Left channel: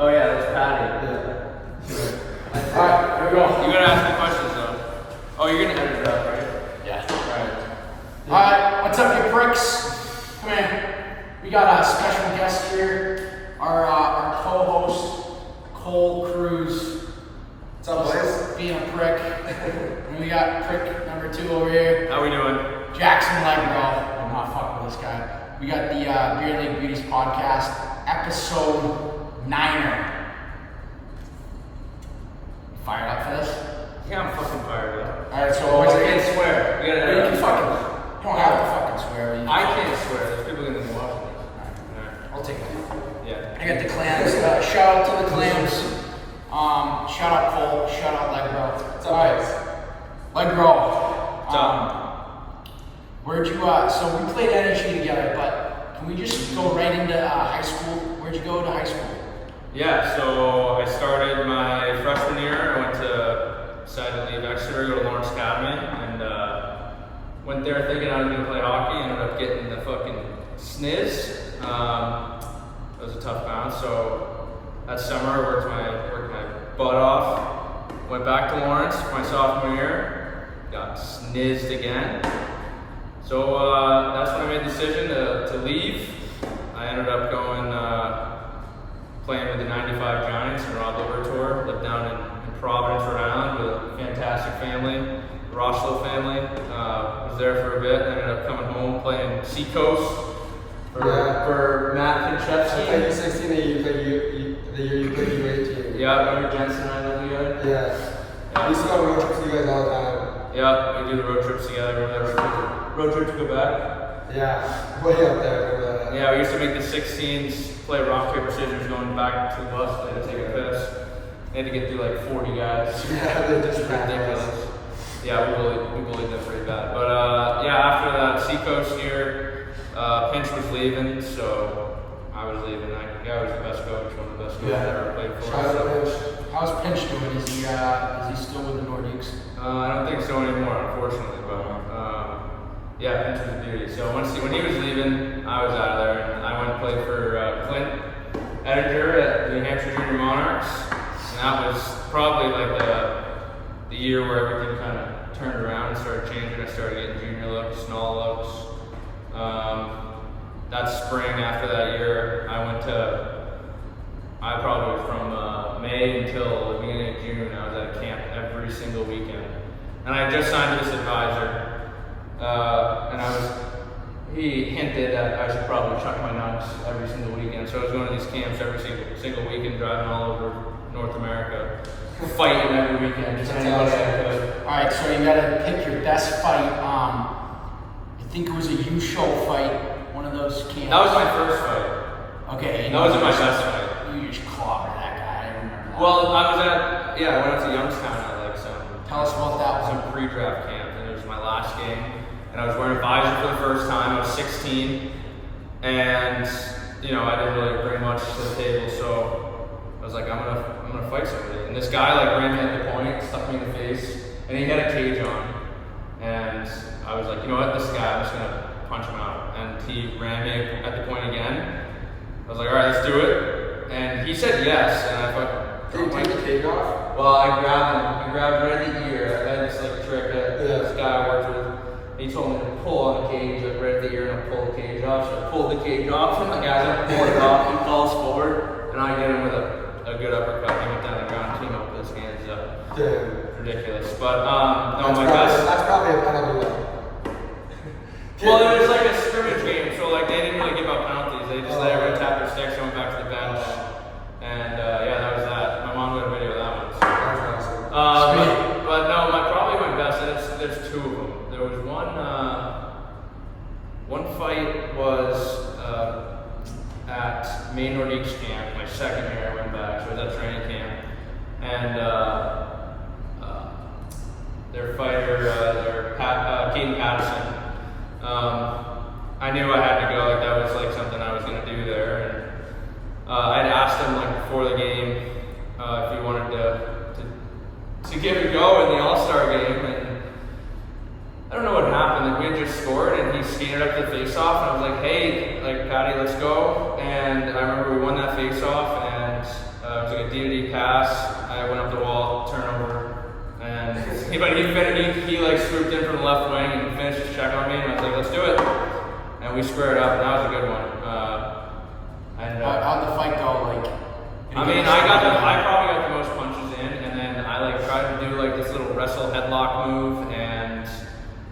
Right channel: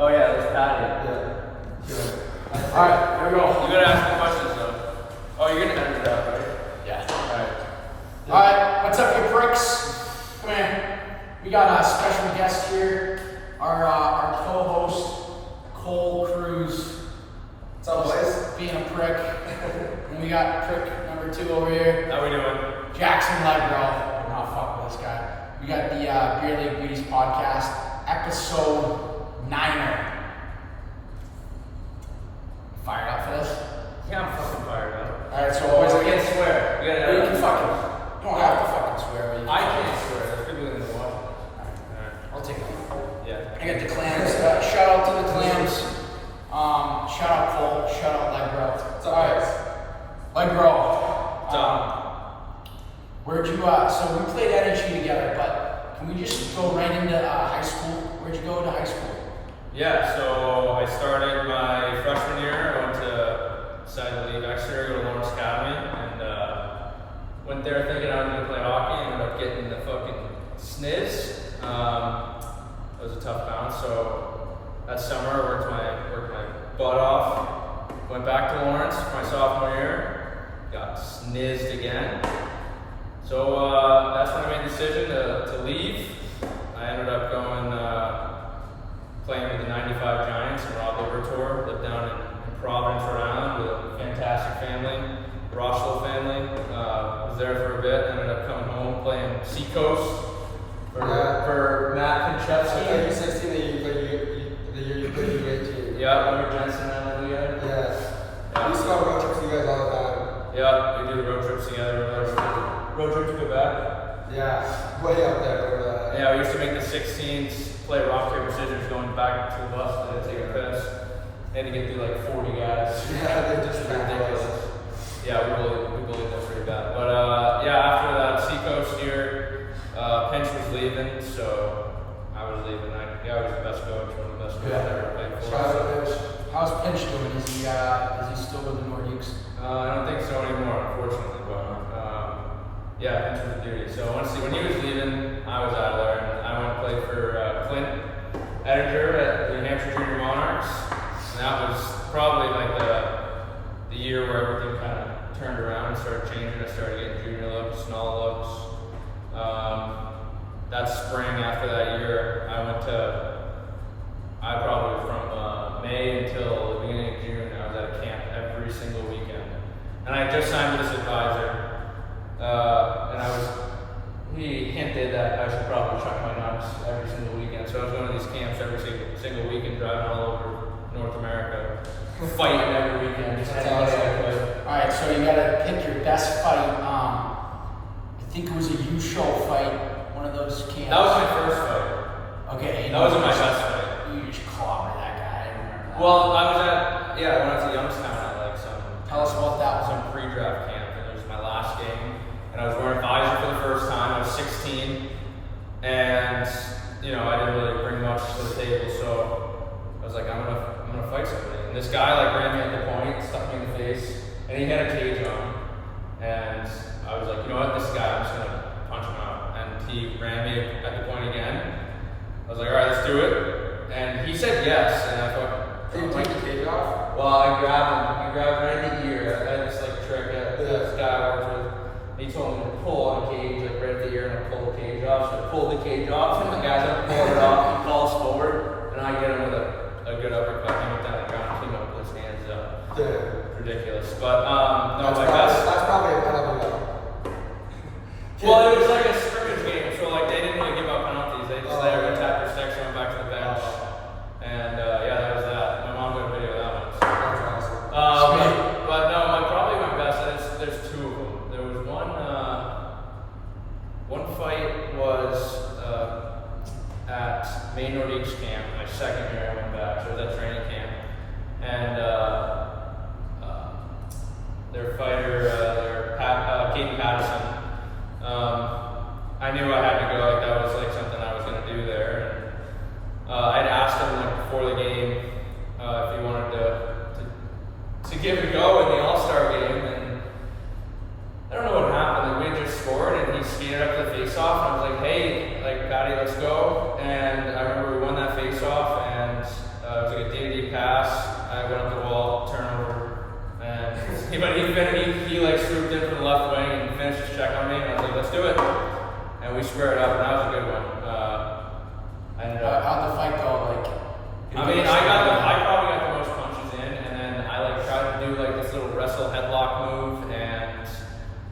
Oh yeah, that's Patty. Yeah. Alright, here we go. You gotta ask the questions though. Oh, you're gonna edit it out, right? Yeah. Alright. Alright, what's up, you pricks? Come here. We got a special guest here. Our co-host, Cole Cruz. What's up, boys? Being a prick. And we got prick number 2 over here. How we doing? Jackson Legro. I'm not fucking with this guy. We got the Beer League Beauties podcast, episode 9er. Fired up for this? Yeah, I'm fucking fired up. Alright, so Oh, what's I it? can't swear. You can fucking. You don't have to fucking swear. But you I can't swear. People are gonna watch it. I'll take it. Yeah. I got the clams. Shout out to the clams. Shout out Cole. Shout out Legro. What's up, guys? Legro. So- Where'd you? So we played energy together, but can we just go right into high school? Where'd you go to high school? Yeah, so I started my freshman year. I decided to leave Exeter, go to Lawrence Academy, and went there thinking I was going to play hockey. Ended up getting the fucking sniz. It was a tough bounce, so that summer I worked my butt off. Went back to Lawrence my sophomore year, got snizzed again. So that's when I made the decision to leave. I ended up going playing with the 95 Giants in the Rob Liver Tour, lived down in Providence, Rhode Island with a fantastic family, the Rosslow family. Was there for a bit, ended up coming home playing Seacoast for Matt I played Pinchevsky. U16 the year you played U18. Yeah, remember Jensen and I lived together? Yeah. We used to go on road trips with you guys all the time. Yeah, we do the road trips together. Road trip to Quebec. Yeah. Way up there. Remember that? Yeah, we used to make the 16s, play rock, paper, scissors, going back to the bus to take a piss. Had to get through like 40 guys. Yeah, they just Ridiculous. Yeah, we bullied them pretty bad. But yeah, after that Seacoast year, Pinch was leaving, so I was leaving. I was the best coach, one of the best coaches I ever played for. Shout out to Pinch. How's Pinch doing? Is he still with the Nordiques? I don't think so anymore, unfortunately. But yeah, Pinch was a beauty. So when he was leaving, I was out of there. And I went and played for Clint Edinger at the New Hampshire Junior Monarchs. And that was probably like the year where everything kind of turned around and started changing. I started getting junior looks and all looks. That spring after that year, I probably from May until the beginning of June, I was at a camp every single weekend. And I had just signed with this advisor, and he hinted that I should probably chuck my nuts every single weekend. So I was going to these camps every single weekend, driving all over North America, fighting every weekend, just anybody I could. Alright, so you gotta pick your best fight. I think it was a U-show fight, one of those camps. That was my first fight. Okay. That wasn't my best fight. You just clobbered that guy. I remember that. Well, I went out to Youngstown out there, Tell us about that one. some pre-draft camp, and it was my last game. And I was wearing a visor for the first time. I was 16, and I didn't really bring much to the table, so I was like, I'm gonna fight somebody. And this guy like ran me at the point, stuck me in the face, and he had a cage on. And I was like, you know what, this guy, I'm just gonna punch him out. And he ran me at the point again. I was like, all right, let's do it. And he said yes, and I thought, Did you take the cage off? well, I grabbed him. He grabbed right in the ear. I had this like trick that this guy I worked with. He told me to pull on the cage, like right at the ear, and I'll pull the cage off. So I pulled the cage off, and the guy's like pulled it off. He falls forward, and I get him with a good uppercut. He went down the ground, came up with his hands up. Yeah. Ridiculous. But That's probably a penalty level. Well, it was like a scrimmage game, so like they didn't really give out penalties. They just let everyone tap their sticks, went back to the bench, and yeah, that was that. My mom got a video of that one. That's awesome. But no, probably my best. There's two of them. There was one fight was at Maine Nordiques camp. My second year I went back, so it was at training camp, and their fighter, Keaton Patterson. I knew I had to go. Like that was like something I was going to do there. And I'd asked him like before the game if he wanted to give it a go in the All-Star game, and I don't know what happened. Like we had just scored, and he skated up the face-off. And I was like, "Hey, like Patty, let's go!" And I remember we won that face-off, and he like swooped in from the left wing and finished his check on me, and I was like, let's do it. And we squared up, and that was a good one. How'd the fight go? Like, I mean, I probably got the most punches in, and then I like tried to do like this little wrestle headlock move, and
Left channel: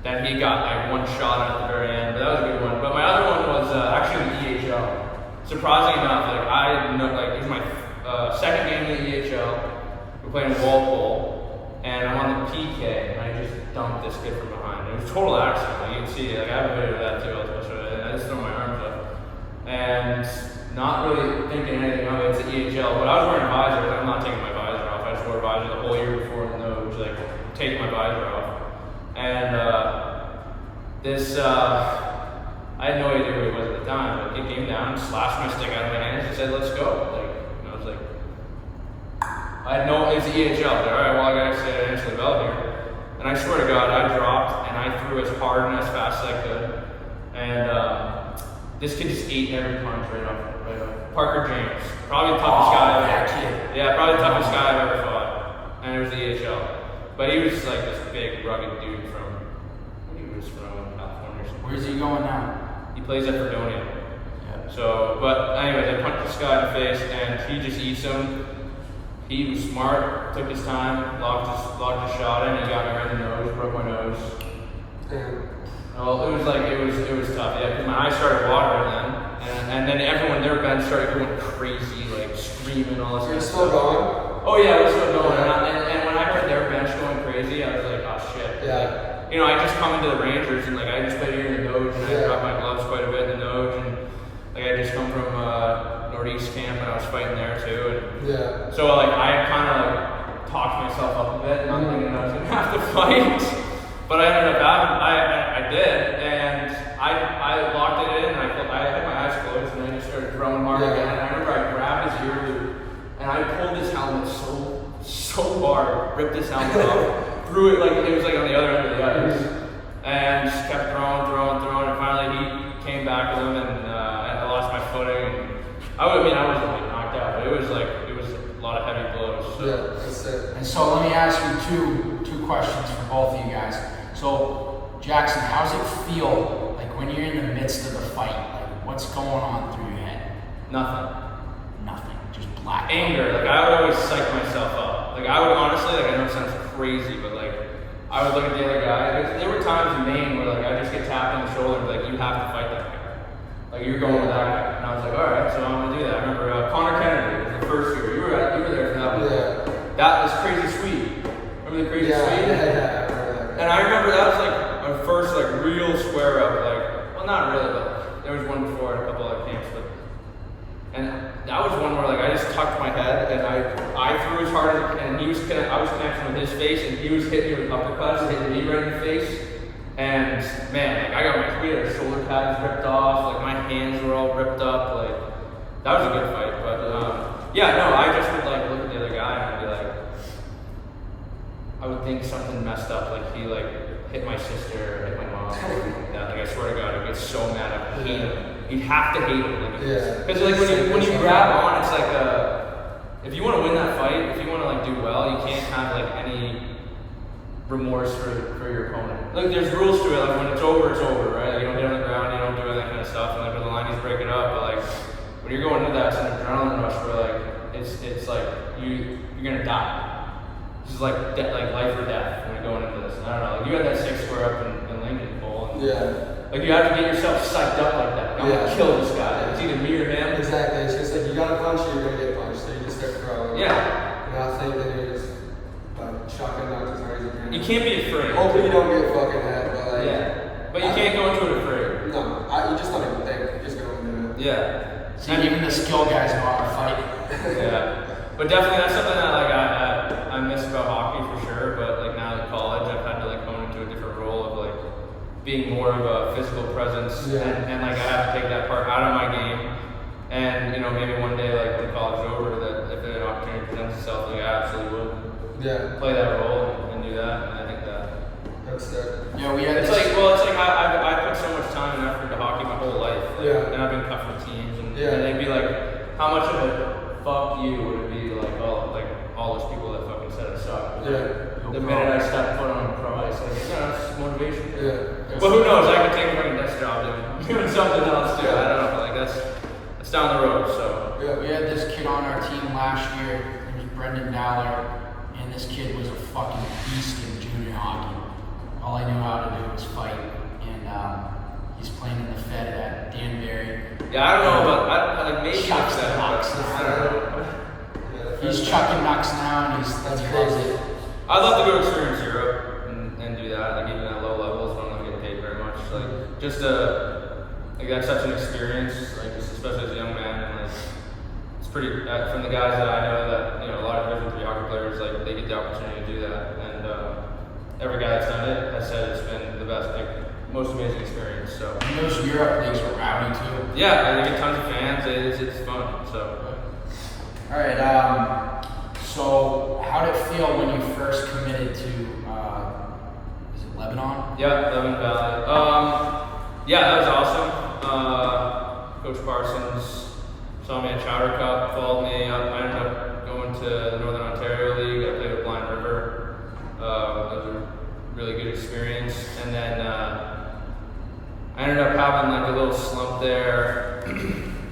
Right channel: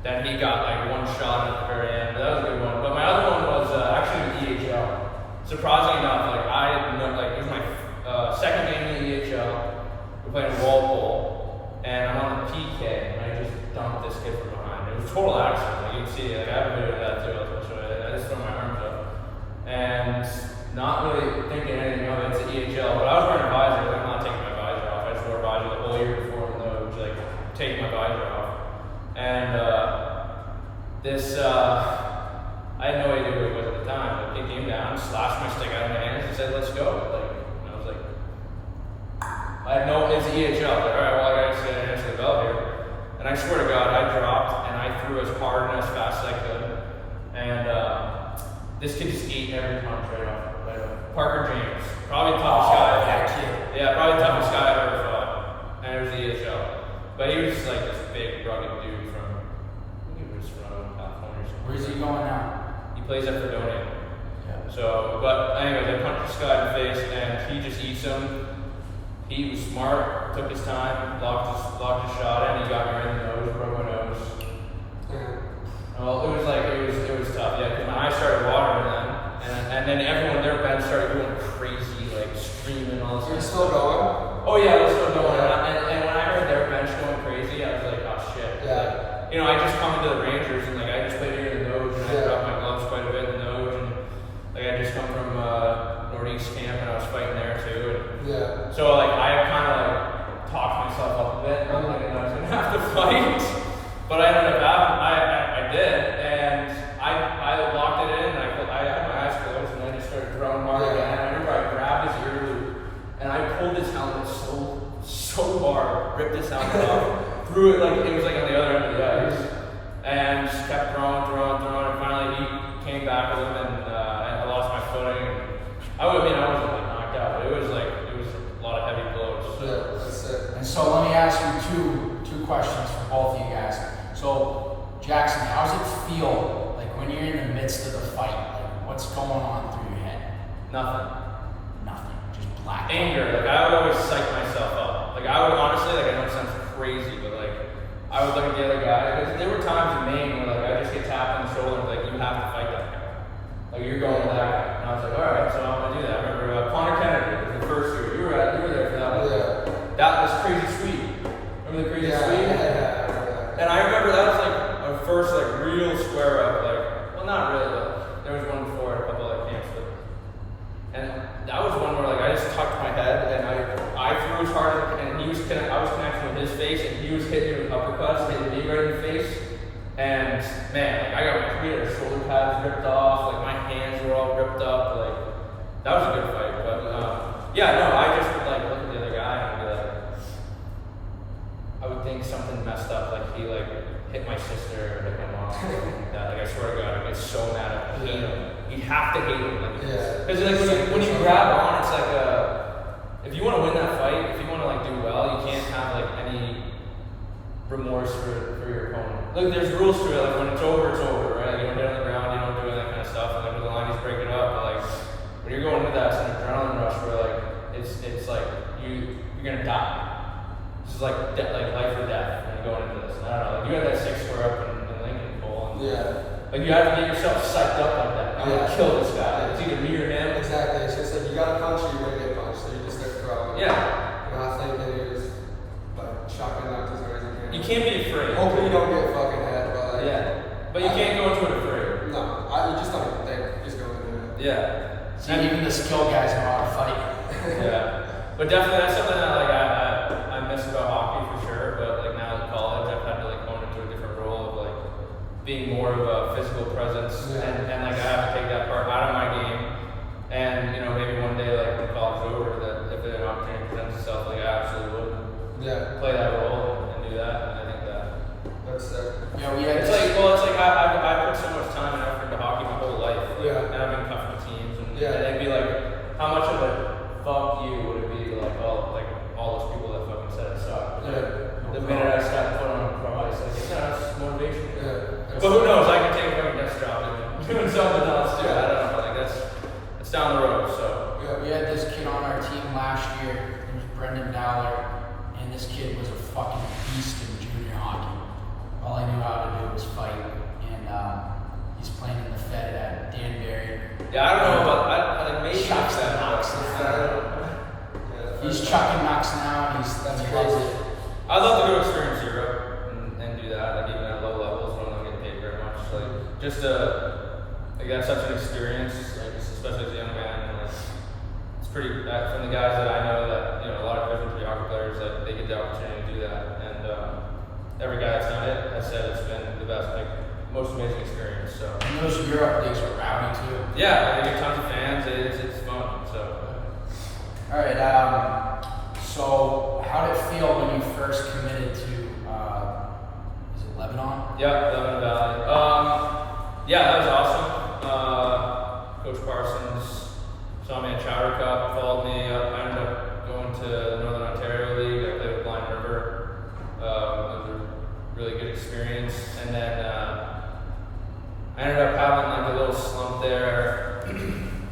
then he got like one shot at the very end, but that was a good one. But my other one was actually the EHL. Surprisingly enough, like it was my second game in the EHL. We're playing Walpole, and I'm on the PK, and I just dumped this kid from behind. It was total accident. Like, you can see, like I have a video of that too. I just threw my arms up, and not really thinking anything of it. It's the EHL, but I was wearing a visor. Like, I'm not taking my visor off. I just wore a visor the whole year before the nose, like taking my visor off. And I had no idea who he was at the time. Like, he came down, slashed my stick out of my hands, and said, "Let's go." Like, and I was like, I had no. It was the EHL. Like, all right, well, I got to say answer the bell here. And I swear to God, I dropped and I threw as hard and as fast as I could. And this kid just ate every punch right off. Parker James, probably the toughest guy I've ever. Yeah, probably the toughest guy I've ever fought. And it was the EHL. But he was just like this big, rugged dude from California. Where's he going now? He plays at Fredonia. Yeah. So, but anyway, I punched this guy in the face, and he just eats him. He was smart, took his time, locked his shot in, and got me right in the nose, broke my nose. Well, it was tough, yeah, because my eyes started watering then. And then everyone there, Ben, started going crazy, like screaming all this. You're still going? Oh yeah, we're still going. And when I heard their bench going crazy, I was like, oh shit. Yeah. You know, I just come into the Rangers and like I just played in the nose and I dropped my gloves quite a bit in the nose and like I just come from Northeast camp and I was fighting there too. And Yeah. so like I kind of like talked myself up a bit, not thinking I was gonna have to fight. But I ended up I did, and I locked it in, and I had my eyes closed, and then I just started throwing hard again. And I remember I grabbed his ear loop, and I pulled his helmet so hard, ripped his helmet off, threw it like it was like on the other end of the ice, and just kept throwing, and finally he came back with him, and I lost my footing. I wasn't really knocked out, but it was a lot of heavy blows. So. Yeah, that's sick. And so let me ask you two questions for both of you guys. So Jackson, how's it feel like when you're in the midst of the fight? Like what's going on through your head? Nothing. Just black. Anger. Like I would always psych myself up. Like I would honestly, like I know it sounds crazy, but like I would look at the other guy. There were times in Maine where like I just get tapped on the shoulder and like you have to fight that guy. Like you're going with that guy. And I was like, all right, so I'm gonna do that. I remember Connor Kennedy was the first year. You were there for that one. Yeah. That was Crazy Sweet. Remember the Crazy Sweet? Yeah. And I remember that was like our first like real square up, like, well not really, but there was one before at a couple of camps, but, and that was one where like I just tucked my head and I threw as hard and I was connecting with his face and he was hitting me with uppercuts, hitting me right in the face, and man, like I got my 3 of the shoulder pads ripped off, like my hands were all ripped up, like that was a good fight, but yeah, no, I just would like look at the other guy and be like, I would think something messed up, like he like hit my sister or hit my mom or something like that. Like I swear to God, I'd get so mad. I hate him. You'd have to hate him. Because like when you grab on, it's like if you want to win that fight, if you want to like do well, you can't have like any remorse for your opponent. Like there's rules to it. Like when it's over, right? Like, you don't get on the ground, you don't do that kind of stuff. And like when the line is breaking up, but like when you're going into that, it's an adrenaline rush where like it's like you're gonna die. This is like life or death when you're going into this. I don't know. Like you had that 6 square up in Lincoln Bowl. Yeah. Like you have to get yourself psyched up like that. I'm gonna kill this guy. It's either me or him. Exactly. It's just like you gotta punch or you're gonna get punched. So you just start throwing. Yeah. And I think that you're just like chucking out as hard as you can. You can't be afraid. Hopefully you don't get fucking hit, but like. Yeah. But you can't go into it afraid. No. You just don't even think. You just go into it. Yeah. See, even the skill guys know how to fight. Yeah. But definitely that's something that like I miss about hockey for sure. But like now in college, I've had to like go into a different role of like being more of a physical presence, and like I have to take that part out of my game. And you know maybe one day like when college is over, that if an opportunity presents itself, like I absolutely would play that role and do that. And I think that's it. Yeah, we had it's like I put so much time and effort into hockey my whole life. Yeah. And I've been cuffed to teams, and they'd be like, how much of a fuck you would it be like, oh, like all those people that fucking said I suck. Yeah. The minute I stepped foot on pro ice, like, yeah, that's motivation. Yeah. But who knows? I can take a fucking desk job and doing something else too. I don't know. Like that's down the road. So Yeah. We had this kid on our team last year. He was Brendan Dowler, and this kid was a fucking beast in junior hockey. All I knew how to do was fight, and he's playing in the Fed at Danbury. yeah, I don't know, but I like maybe Chucks the pucks now. He's chucking nucks now, and That's he loves crazy. it. I'd love to go experience Europe and do that. Like even at low levels, I'm not getting paid very much. Like just like that's such an experience. Like especially as a young man, like it's pretty. From the guys that I know that a lot of Division 3 hockey players, like they get the opportunity to do that, and every guy that's done it has said it's been the best, like most amazing experience. So And those Europe leagues were rowdy too. yeah, they get tons of fans. It's fun. So. All right. So how did it feel when you first committed to? Is it Lebanon? Yeah, Lebanon Valley. Yeah, that was awesome. Coach Parsons saw me at Chowder Cup, followed me up. I ended up going to the Northern Ontario League. I played with Blind River. It was a really good experience. And then I ended up having like a little slump there.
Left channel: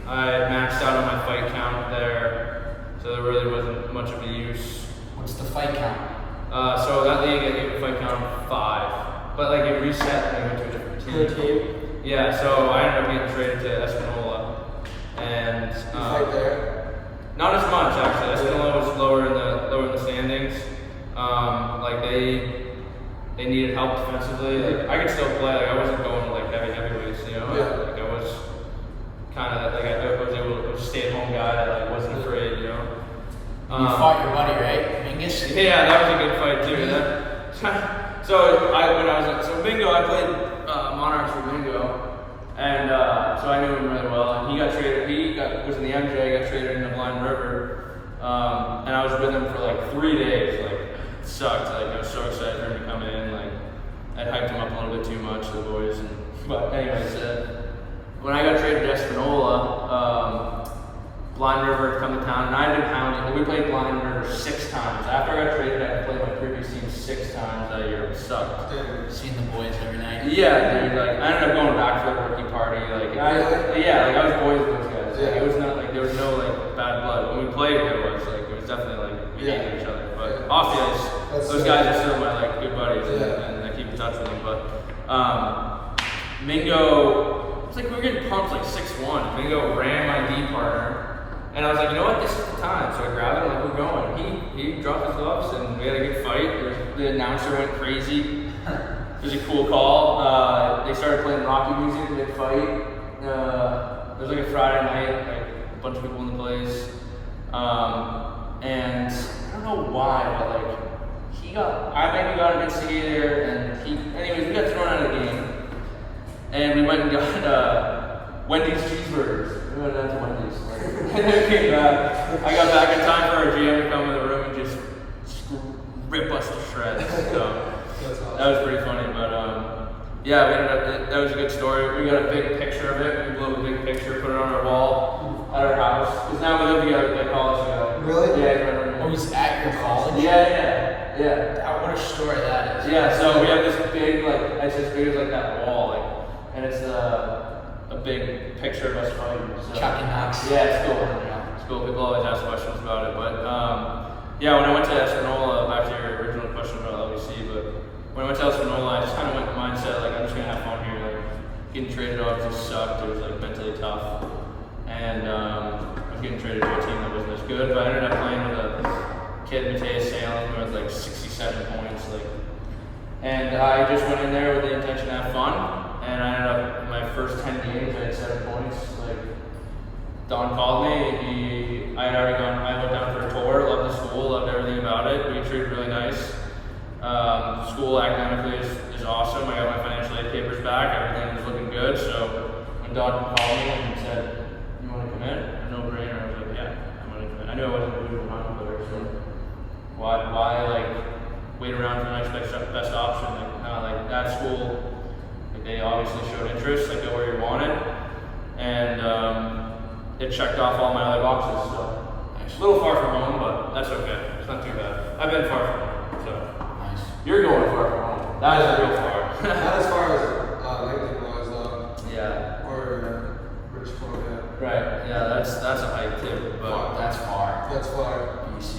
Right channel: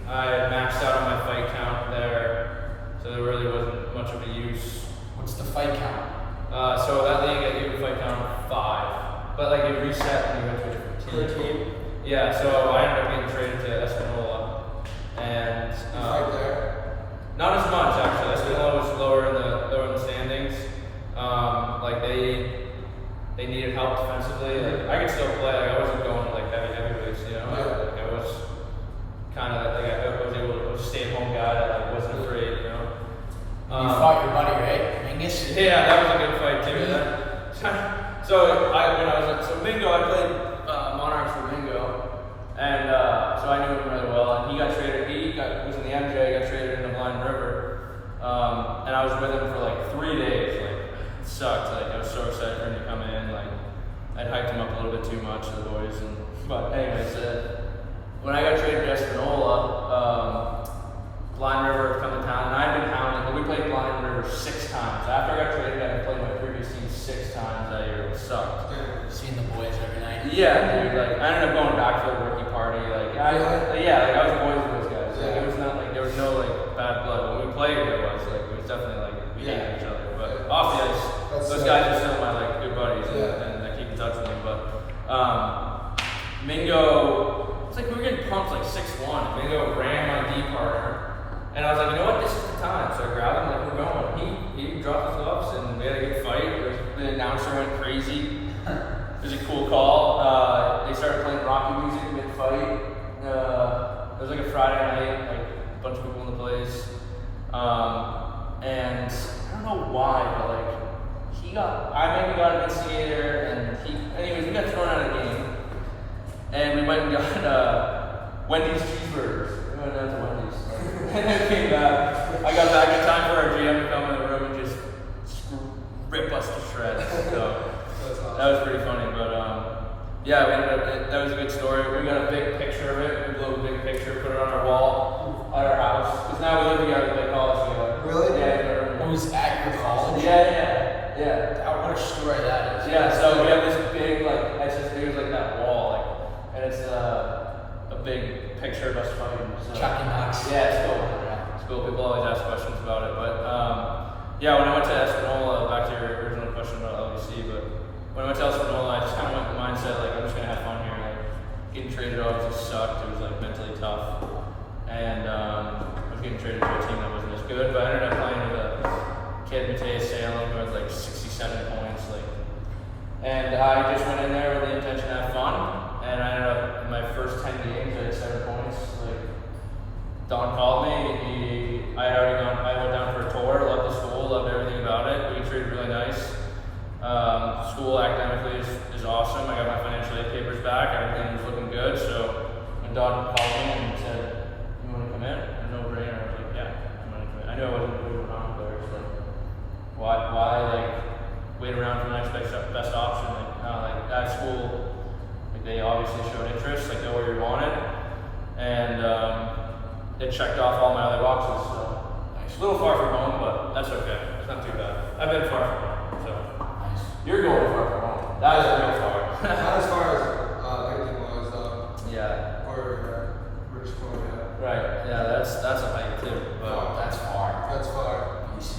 I had maxed out on my fight count there, so there really wasn't much of a use. What's the fight count? So that league, I gave a fight count of 5, but like it reset when we went to a different team. Yeah, so I ended up getting traded to Espanola, and You fight there? not as much actually. Espanola was lower in the standings. Like they needed help defensively. Like I could still play. Like I wasn't going like heavyweights, Yeah. Like I was kind of like I was able to stay-at-home guy that like, wasn't afraid, You fought your buddy, right? Mingus? Yeah, that was a good fight too. So Mingo, I played Monarchs with Mingo, and so I knew him really well. And he got traded. Was in the MJ, got traded into Blind River, and I was with him for like 3 days. Like it sucked. Like I was so excited for him to come in. Like I'd hyped him up a little bit too much, the boys. But anyways, when I got traded to Espanola, Blind River had come to town, and I had been pounding. We played Blind River 6 times. After I got traded, I played my previous team 6 times that year. It sucked. Seeing the boys every night. Yeah, dude. Like I ended up going back to the rookie party. Like I was boys with those guys. Like, it was not like there was no like bad blood. When we played, there was like it was definitely like we hated each other. But off the ice, those guys are still my like good buddies, and I keep in touch with them. But Mingo, it's like we were getting pumped like 6-1. Mingo ran my D partner. And I was like, you know what, this is the time. So I grabbed him, like, we're going. He dropped his gloves, and we had a good fight. The announcer went crazy. It was a cool call. They started playing Rocky music mid-fight. It was like a Friday night, like a bunch of people in the place. And I don't know why, but like, I maybe got an instigator, and anyways, we got thrown out of the game. And we went and got Wendy's cheeseburgers. We went down to Wendy's. And then came back. I got back in time for our GM to come in the room and just rip us to shreds. So that was pretty funny. But yeah, we ended up, that was a good story. We got a big picture of it. We blew a big picture, put it on our wall at our house. Because now we live together like college ago. Really? Oh, it was at your college? Yeah. What a story that is. Yeah, so we have this big, like, it's as big as like that wall, like, and it's a big picture of us fighting. So. Chucking nuts. Yeah, it's cool. It's cool. People always ask questions about it, but yeah, when I went to Espanola, back to your original question about LBC, but when I went to Espanola, I just kind of went with the mindset like I'm just gonna have fun here. Like getting traded obviously sucked. It was like mentally tough, and I was getting traded to a team that wasn't as good. But I ended up playing with a kid, Mateus Salem, who had like 67 points, and I just went in there with the intention to have fun. And I ended up in my first 10 games, I had 7 points. Like Don called me. I went down for a tour. Loved the school. Loved everything about it. We got treated really nice. School academically is awesome. I got my financial aid papers back. Everything was looking good. So when Don called me and said, "You want to come in?" It was no brainer. I was like, "Yeah, I'm going to come in." I knew I wasn't going to lose a hockey player, so why like wait around for the next best option? Like that school. They obviously showed interest, like know where you're wanted, and it checked off all my other boxes. So Nice. A little far from home, but that's okay. It's not too bad. I've been far from home, so. Nice. You're going far from home. That is real far. Not as far as Lincoln was, Yeah. or British Columbia. Right. Yeah, that's a hike too. But That's far. That's far. BC.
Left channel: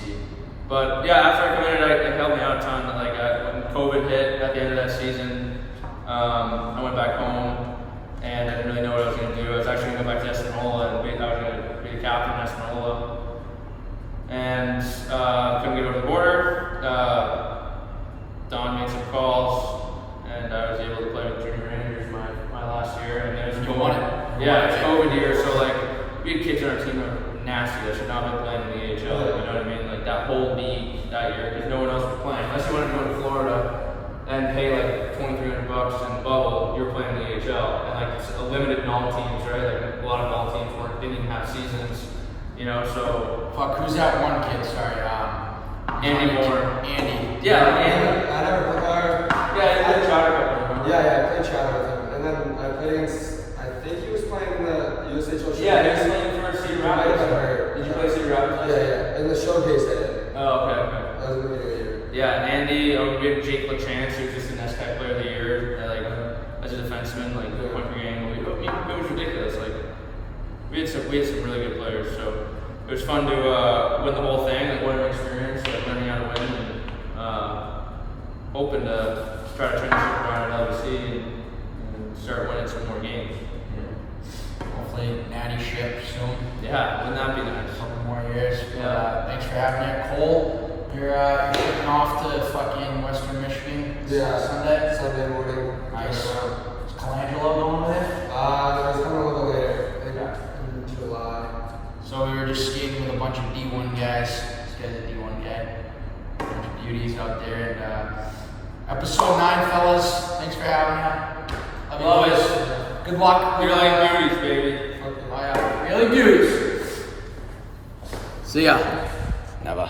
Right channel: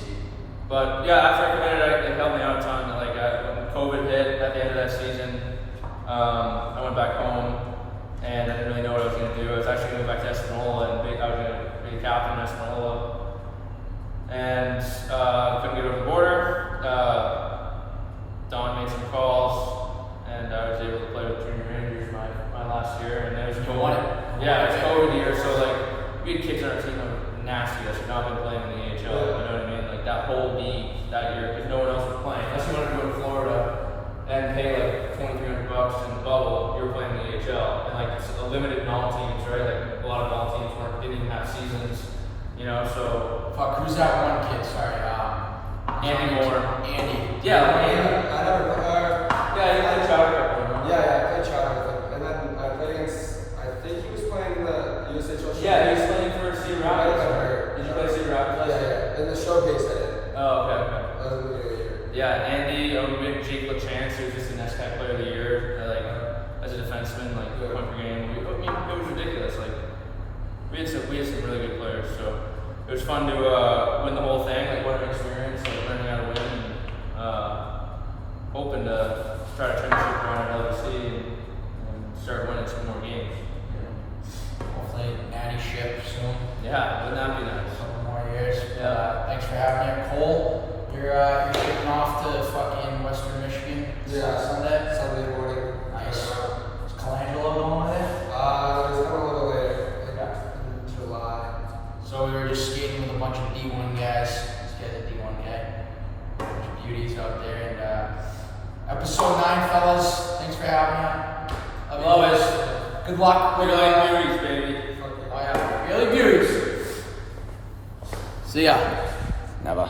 But yeah, after I committed, it helped me out a ton. Like when COVID hit at the end of that season, I went back home and I didn't really know what I was going to do. I was actually going to go back to Espanola and I was going to be the captain in Espanola. And couldn't get over the border. Don made some calls, and I was able to play with junior Rangers my last year. And it was You won it? Yeah, it was COVID year, so like we had kids on our team that were nasty that should not have been playing in the AHL. You know what I mean? Like that whole league that year, because no one else was playing. Unless you wanted to go to Florida and pay like $2,300 in the bubble, you were playing in the AHL. And like it's a limited null teams, right? Like a lot of null teams didn't even have seasons. You know, so Fuck, who's that one kid? Sorry, Andy Moore. Andy. Yeah, like Andy. I never. Yeah, he played Chowder Cup. Yeah, I played Chowder with him, and then I played against. I think he was playing in the USHL. Yeah, he was playing for Cedar Might have been Rapids. hurt. Did you play Cedar Rapids? Yeah. In the showcase, I did. Oh, okay. That was in the beginning of the year. Yeah, Andy, we had Jake LaChance, who was just the next player of the year, like as a defenseman, like point per game. It was ridiculous. Like we had some really good players, so it was fun to win the whole thing. Like what an experience, like learning how to win, and hoping to try to transition around another LVC and start winning some more games. Hopefully, natty ship soon. Yeah, wouldn't that be A nice? couple more years. Yeah. Thanks for having me, Cole. You're shipping off to fucking Western Michigan. Yeah. Sunday morning. Nice. Is Colangelo going with it? It was coming a little later. I think in July. So we were just skating with a bunch of D1 guys. This guy's a D1 guy. A bunch of beauties out there. And episode 9, fellas. Thanks for having me. Love you it. boys. Good luck with Really beauties, baby. Oh yeah, really beauties. See ya. Never.